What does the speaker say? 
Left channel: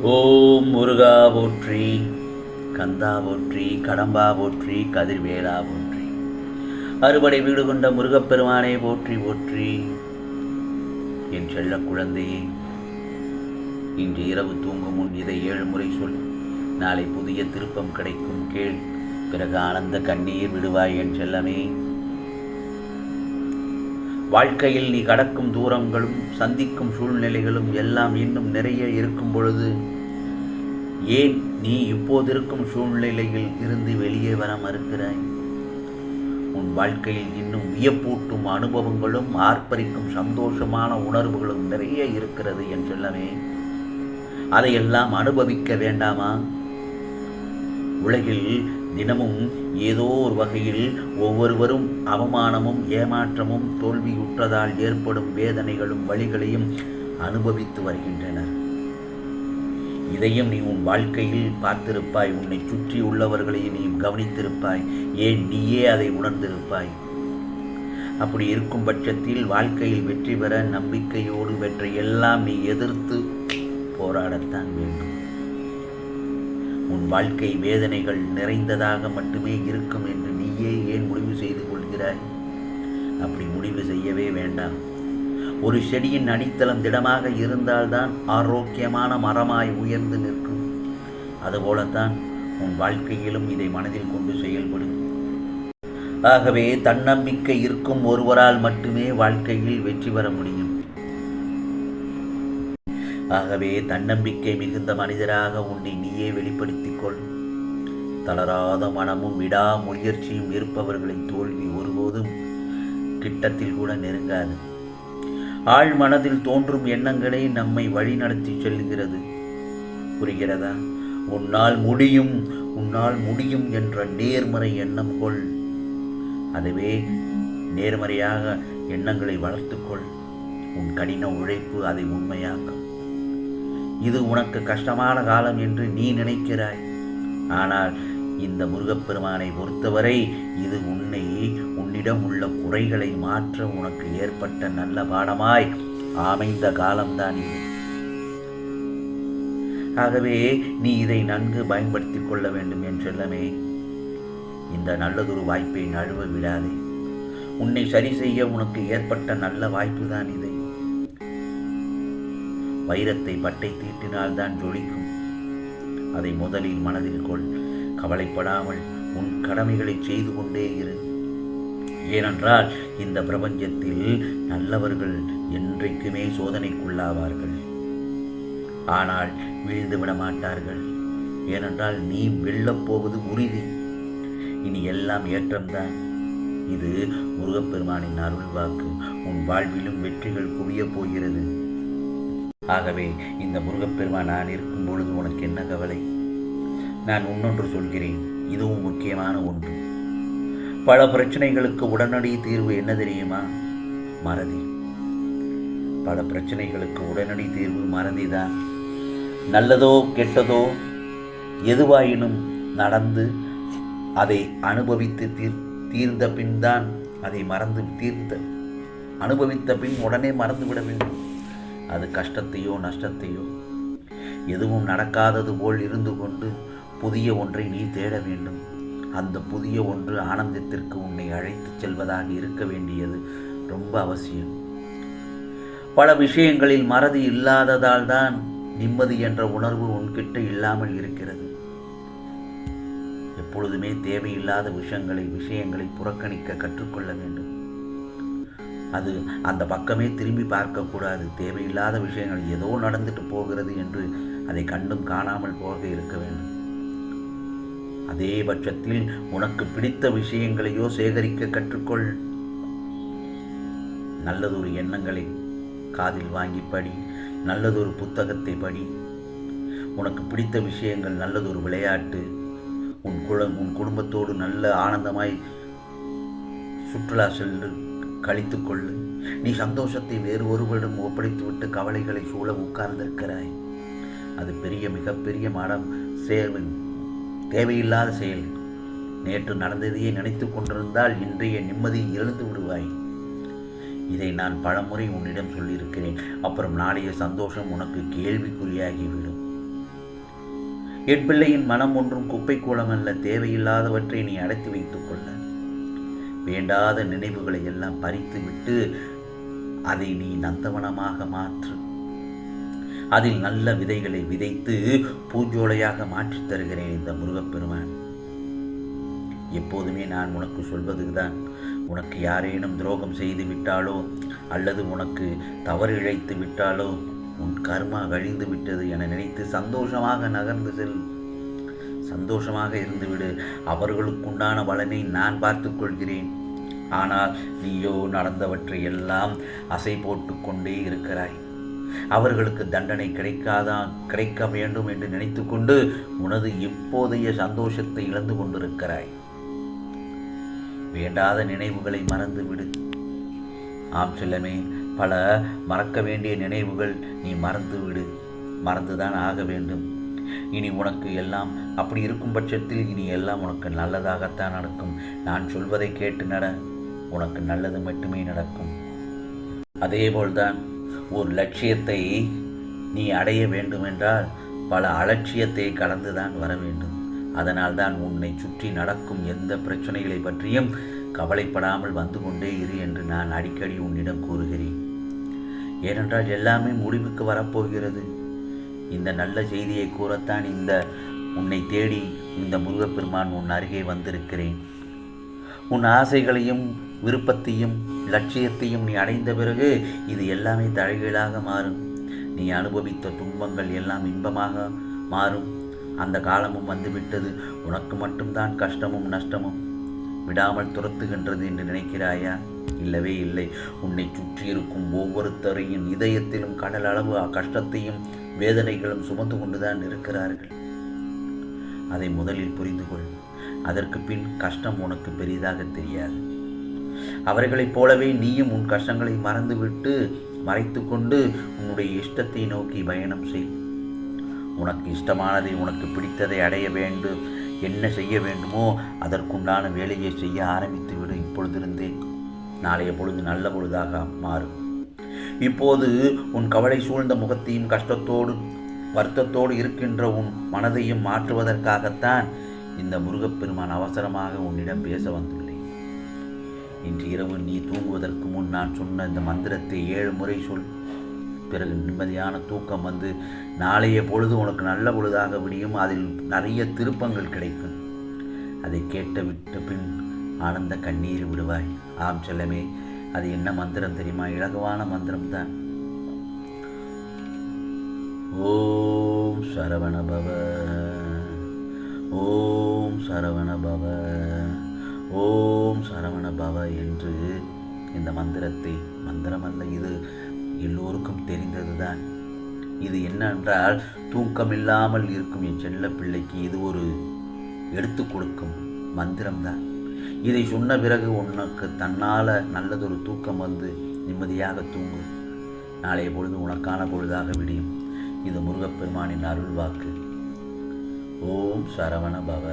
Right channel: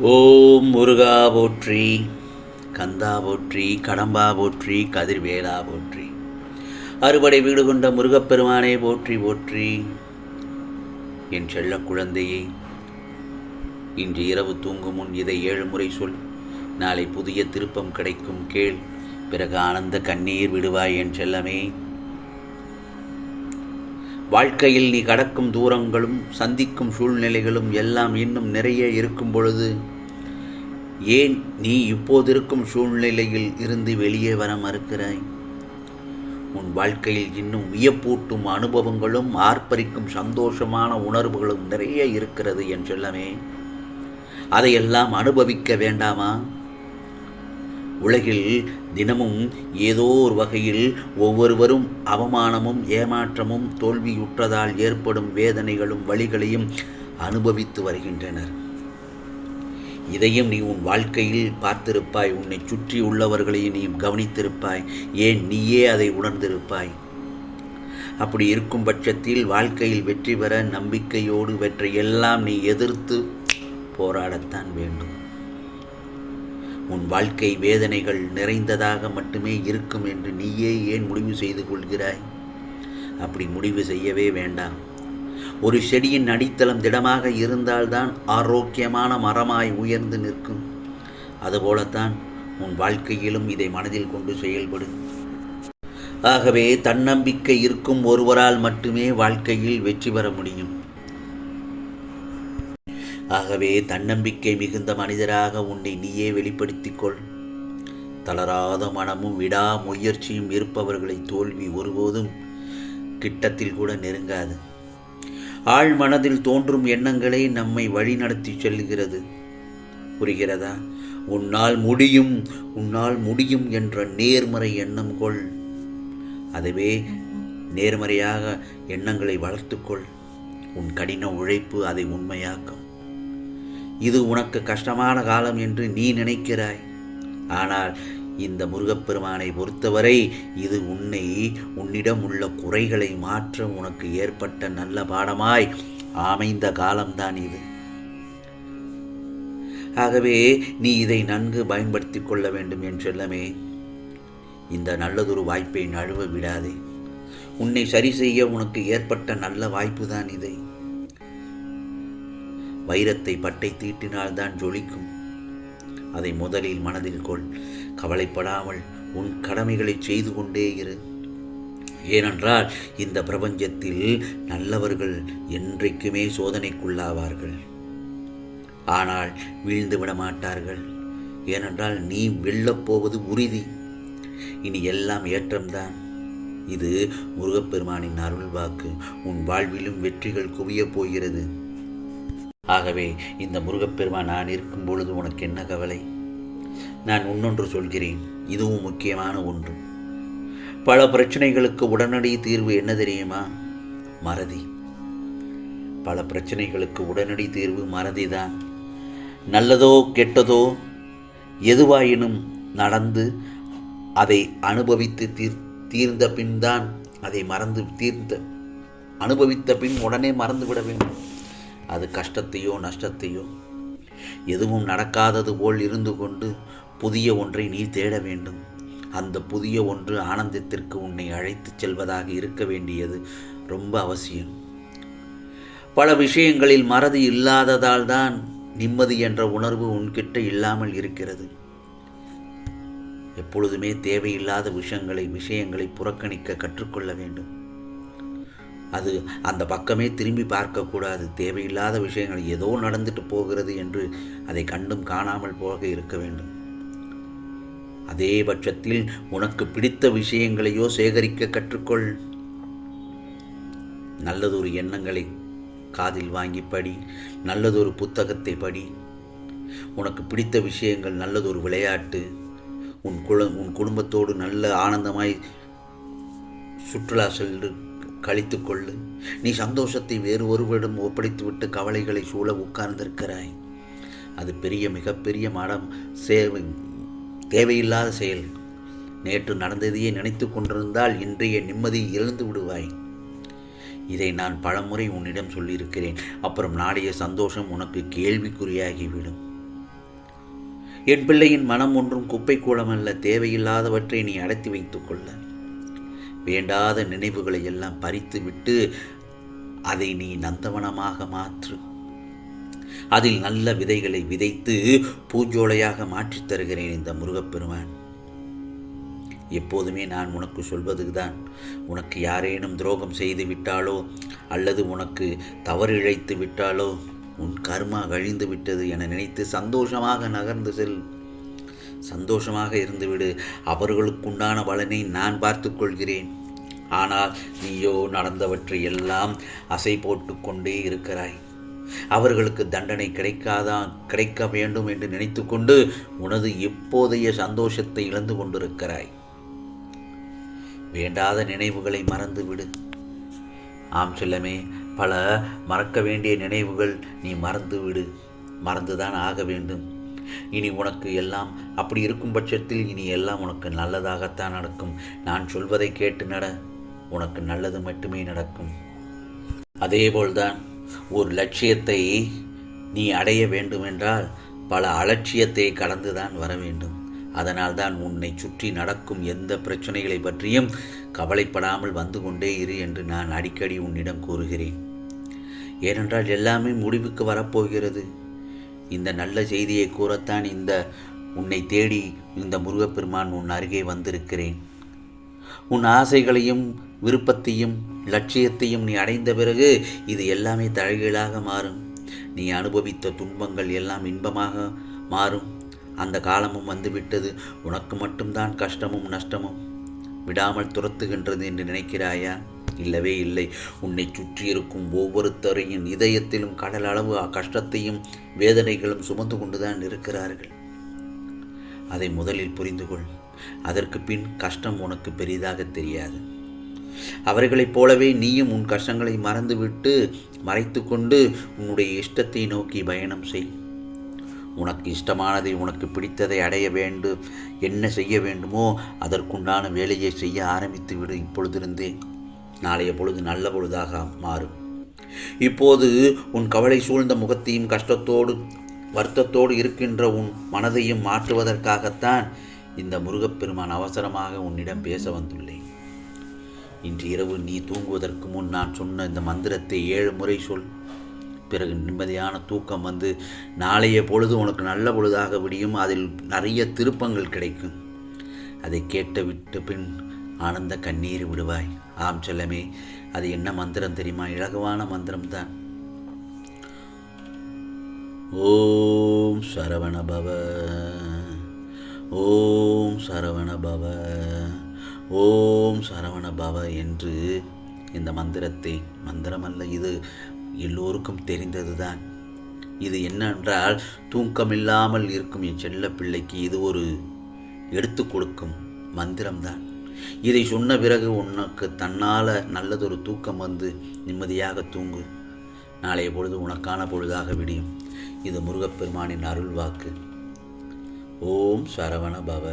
ஓம் முருகா போற்றி, கந்தா போற்றி, கடம்பா போற்றி, கதிர்வேலா போற்றி, அறுபடை வீடு கொண்ட முருகப்பெருமானே போற்றி போற்றி. என் செல்ல குழந்தையே, இன்று இரவு தூங்கும் முன் இதை 7 முறை சொல். நாளை புதிய திருப்பம் கிடைக்கும் கேள். பிறகு ஆனந்த கண்ணீர் விடுவாய் என் செல்லமே. வாழ்க்கையில் நீ கடக்கும் தூரங்களும் சந்திக்கும் சூழ்நிலைகளும் எல்லாம் இன்னும் நிறைய இருக்கும் பொழுது ஏன் நீ இப்போதிருக்கும் சூழ்நிலையில் இருந்து வெளியே வர மறுக்கிறாய்? உன் வாழ்க்கையில் இன்னும் வியப்பூட்டும் அனுபவங்களும் ஆர்ப்பரிக்கும் சந்தோஷமான உணர்வுகளும் நிறைய இருக்கிறது என் செல்லமே. அதையெல்லாம் அனுபவிக்க வேண்டாமா? உலகில் தினமும் ஏதோ ஒரு வகையில் ஒவ்வொருவரும் அவமானமும் ஏமாற்றமும் தோல்வியுற்றதால் ஏற்படும் வேதனைகளும் வலிகளையும் அனுபவித்து வருகின்றனர். இதையும் நீ உன் வாழ்க்கையில் பார்த்திருப்பாய். உன்னை சுற்றி உள்ளவர்களையும் நீ கவனித்திருப்பாய். ஏன் நீயே அதை உணர்ந்திருப்பாய். அப்படி இருக்கும் பட்சத்தில் வாழ்க்கையில் வெற்றி பெற நம்பிக்கையோடு வெற்றியெல்லாம் நீ எதிர்த்து போராடத்தான் வேண்டும். உன் வாழ்க்கை வேதனைகள் நிறைந்ததாக மட்டுமே இருக்கும் என்று நீயே ஏன் முடிவு செய்து கொள்கிறாய்? அப்படி முடிவு செய்யவே வேண்டாம். ஒரு செடியின் அடித்தளம் திடமாக இருந்தால்தான் ஆரோக்கியமான மரமாய் உயர்ந்து நிற்கும். அதுபோலத்தான் உன் வாழ்க்கையிலும் இதை மனதில் கொண்டு செயல்படும். ஆகவே தன்னம்பிக்கை இருக்கும் ஒருவரால் மட்டுமே வாழ்க்கையில் வெற்றி பெற முடியும். ஆகவே தன்னம்பிக்கை மிகுந்த மனிதராக உன்னை நீயே வெளிப்படுத்திக் கொள். தளராத மனமும் விடா முயற்சியும் இருப்பவர்களை தோல்வி ஒருபோதும் கிட்டத்தில் கூட நெருங்காது. ஆழ் மனதில் தோன்றும் எண்ணங்களே நம்மை வழிநடத்தி செல்கிறது. புரிகிறதா? உன்னால் முடியும், உன்னால் முடியும் என்ற நேர்மறை எண்ணம் கொள். அதுவே நேர்மறையாக எண்ணங்களை வளர்த்துக்கொள். உன் கடின உழைப்பு அதை உண்மையாக்கும். இது உனக்கு கஷ்டமான காலம் என்று நீ நினைக்கிறாய். ஆனால் இந்த முருகப்பெருமானை பொறுத்தவரை இது உன்னிடம் உள்ள குறைகளை மாற்ற உனக்கு ஏற்பட்ட நல்ல பாடமாய் அமைந்த காலம்தான் இது. ஆகவே நீ இதை நன்கு பயன்படுத்தி கொள்ள வேண்டும் என் செல்லமே. இந்த நல்லதொரு வாய்ப்பை நழுவ விடாதே. உன்னை சரி செய்ய உனக்கு ஏற்பட்ட நல்ல வாய்ப்பு தான் இதை. வைரத்தை பட்டை தீட்டினால்தான் ஜொலிக்கும். அதை முதலில் மனதில் கொள். கவலைப்படாமல் உன் கடமைகளை செய்து கொண்டே இரு. ஏனென்றால் இந்த பிரபஞ்சத்தில் நல்லவர்கள் என்றைக்குமே சோதனைக்குள்ளாவார்கள். ஆனால் வீழ்ந்து விட மாட்டார்கள். ஏனென்றால் நீ வெல்லப் போவது உறுதி. இனி எல்லாம் ஏற்றம்தான். இது முருகப்பெருமானின் அருள் வாக்கு. உன் வாழ்விலும் வெற்றிகள் குவியப் போகிறது. ஆகவே இந்த முருகப்பெருமான் நான் இருக்கும் பொழுது உனக்கு என்ன கவலை? நான் இன்னொன்று சொல்கிறேன், இதுவும் முக்கியமான ஒன்று. பல பிரச்சனைகளுக்கு உடனடி தீர்வு என்ன தெரியுமா? மறதி. பல பிரச்சனைகளுக்கு உடனடி தீர்வு மறதிதான். நல்லதோ கெட்டதோ எதுவாயினும் நடந்து அதை அனுபவித்து தீர்ந்த பின் தான் அதை அனுபவித்த பின் உடனே மறந்துவிட வேண்டும். அது கஷ்டத்தையோ நஷ்டத்தையோ எதுவும் நடக்காதது போல் இருந்து கொண்டு புதிய ஒன்றை நீ தேட வேண்டும். அந்த புதிய ஒன்று ஆனந்தத்திற்கு உன்னை அழைத்துச் செல்வதாக இருக்க வேண்டியது ரொம்ப அவசியம். பல விஷயங்களில் மறதி இல்லாததால் தான் நிம்மதி என்ற உணர்வு உன்கிட்ட இல்லாமல் இருக்கிறது. எப்பொழுதுமே தேவையில்லாத விஷயங்களை புறக்கணிக்க கற்றுக்கொள்ள வேண்டும். அது அந்த பக்கமே திரும்பி பார்க்கக்கூடாது. தேவையில்லாத விஷயங்கள் ஏதோ நடந்துட்டு போகிறது என்று அதை கண்டும் காணாமல் போக இருக்க வேண்டும். அதே பட்சத்தில் உனக்கு பிடித்த விஷயங்களையோ சேகரிக்க கற்றுக்கொள். நல்லதொரு எண்ணங்களை காதில் வாங்கி படி. நல்லதொரு புத்தகத்தை படி. உனக்கு பிடித்த விஷயங்கள், நல்லதொரு விளையாட்டு, உன் குடும்பத்தோடு நல்ல ஆனந்தமாய் சுற்றுலா சென்று கழித்துக்கொள்ளு. நீ சந்தோஷத்தை வேறு ஒருவரிடம் ஒப்படைத்துவிட்டு கவலைகளை சூழ உட்கார்ந்திருக்கிறாய். அது மிகப்பெரிய மடம் தேவையில்லாத செயல். நேற்று நடந்ததையே நினைத்து கொண்டிருந்தால் இன்றைய நிம்மதி இழந்து விடுவாய். இதை நான் பலமுறை உன்னிடம் சொல்லியிருக்கிறேன். அப்புறம் நாளைய சந்தோஷம் உனக்கு கேள்விக்குறியாகிவிடும். என் பிள்ளையின் மனம் ஒன்றும் குப்பை கூலமல்ல. தேவையில்லாதவற்றை நீ அடைத்து வைத்துக் கொள்ள. வேண்டாத நினைவுகளை எல்லாம் பறித்து விட்டு அதை நீ நந்தவனமாக மாற்று. அதில் நல்ல விதைகளை விதைத்து பூஞ்சோலையாக மாற்றித் தருகிறேன் இந்த முருகப்பெருமான். எப்போதுமே நான் உனக்கு சொல்வதுதான், உனக்கு யாரேனும் துரோகம் செய்து விட்டாலோ அல்லது உனக்கு தவறு இழைத்து விட்டாலோ உன் கர்மா கழிந்து விட்டது என நினைத்து சந்தோஷமாக நகர்ந்து செல். சந்தோஷமாக இருந்துவிடு. அவர்களுக்குண்டான பலனை நான் பார்த்து கொள்கிறேன். ஆனால் நீயோ நடந்தவற்றை எல்லாம் அசை போட்டு கொண்டே இருக்கிறாய். அவர்களுக்கு தண்டனை கிடைக்க வேண்டும் என்று நினைத்து கொண்டு உனது இப்போதைய சந்தோஷத்தை இழந்து கொண்டிருக்கிறாய். வேண்டாத நினைவுகளை மறந்துவிடு. ஆம் செல்லமே, பல மறக்க வேண்டிய நினைவுகள் நீ மறந்துவிடு. மறந்துதான் ஆக வேண்டும். இனி உனக்கு எல்லாம் அப்படி இருக்கும் பட்சத்தில் இனி எல்லாம் உனக்கு நல்லதாகத்தான் நடக்கும். நான் சொல்வதை கேட்டு நட. உனக்கு நல்லது மட்டுமே நடக்கும். அதேபோல்தான் ஒரு லட்சியத்தை நீ அடைய வேண்டுமென்றால் பல அலட்சியத்தை கடந்துதான் வர வேண்டும். அதனால்தான் உன்னை சுற்றி நடக்கும் எந்த பிரச்சனைகளை பற்றியும் கவலைப்படாமல் வந்து கொண்டே இரு என்று நான் அடிக்கடி உன்னிடம் கூறுகிறேன். ஏனென்றால் எல்லாமே முடிவுக்கு வரப்போகிறது. இந்த நல்ல செய்தியை கூறத்தான் உன்னை தேடி இந்த முருகப்பெருமான் உன் அருகே வந்திருக்கிறேன். உன் ஆசைகளையும் விருப்பத்தையும் லட்சியத்தையும் நீ அடைந்த பிறகு இது எல்லாமே தலைகீழாக மாறும். நீ அனுபவித்த துன்பங்கள் எல்லாம் இன்பமாக மாறும். அந்த காலமும் வந்துவிட்டது. உனக்கு மட்டும்தான் கஷ்டமும் நஷ்டமும் விடாமல் துரத்துகின்றது என்று நினைக்கிறாயா? இல்லவே இல்லை. உன்னை சுற்றி இருக்கும் ஒவ்வொருத்தரையும் இதயத்திலும் கடல் அளவு கஷ்டத்தையும் வேதனைகளும் சுமந்து கொண்டுதான் இருக்கிறார்கள். அதை முதலில் புரிந்து கொள். அதற்கு பின் கஷ்டம் உனக்கு பெரிதாக தெரியாது. அவர்களைப் போலவே நீயும் உன் கஷ்டங்களை மறந்துவிட்டு மறைத்து கொண்டு உன்னுடைய இஷ்டத்தை நோக்கி பயணம் செய். உனக்கு இஷ்டமானதை, உனக்கு பிடித்ததை அடைய வேண்டும். என்ன செய்ய வேண்டுமோ அதற்குண்டான வேலையை செய்ய ஆரம்பித்து விடு. இப்பொழுதிருந்தே நாளைய பொழுது நல்ல பொழுதாக மாறும். இப்போது உன் கவலை சூழ்ந்த முகத்தையும் கஷ்டத்தோடு வருத்தத்தோடு இருக்கின்ற உன் மனதையும் மாற்றுவதற்காகத்தான் இந்த முருகப்பெருமான் அவசரமாக உன்னிடம் பேச வந்துள்ளேன். இன்று இரவு நீ தூங்குவதற்கு முன் நான் சொன்ன இந்த மந்திரத்தை 7 முறை சொல். பிறகு நிம்மதியான தூக்கம் வந்து நாளைய பொழுது உனக்கு நல்ல பொழுதாக விடியும். அதில் நிறைய திருப்பங்கள் கிடைக்கும். அதை விட்ட பின் ஆனந்த கண்ணீர் விடுவாய். ஆம் செல்லமே, அது என்ன மந்திரம் தெரியுமா? இலகுவான மந்திரம்தான். ஓம் சரவண பவ, ஓம் சரவண பவ, ஓம் சரவண பவ என்று இந்த மந்திரத்தை, மந்திரமல்ல இது, எல்லோருக்கும் தெரிந்ததுதான். இது என்னென்றால் தூக்கமில்லாமல் இருக்கும் என் செல்ல பிள்ளைக்கு இது ஒரு எடுத்து கொடுக்கும் மந்திரம்தான். இதை சொன்ன பிறகு உனக்கு தன்னால் நல்லதொரு தூக்கம் வந்து நிம்மதியாக தூங்கு. நாளைய பொழுது உனக்கான பொழுதாக விடியும். இது முருகப்பெருமானின் அருள் வாக்கு. ஓம் சரவண பவ.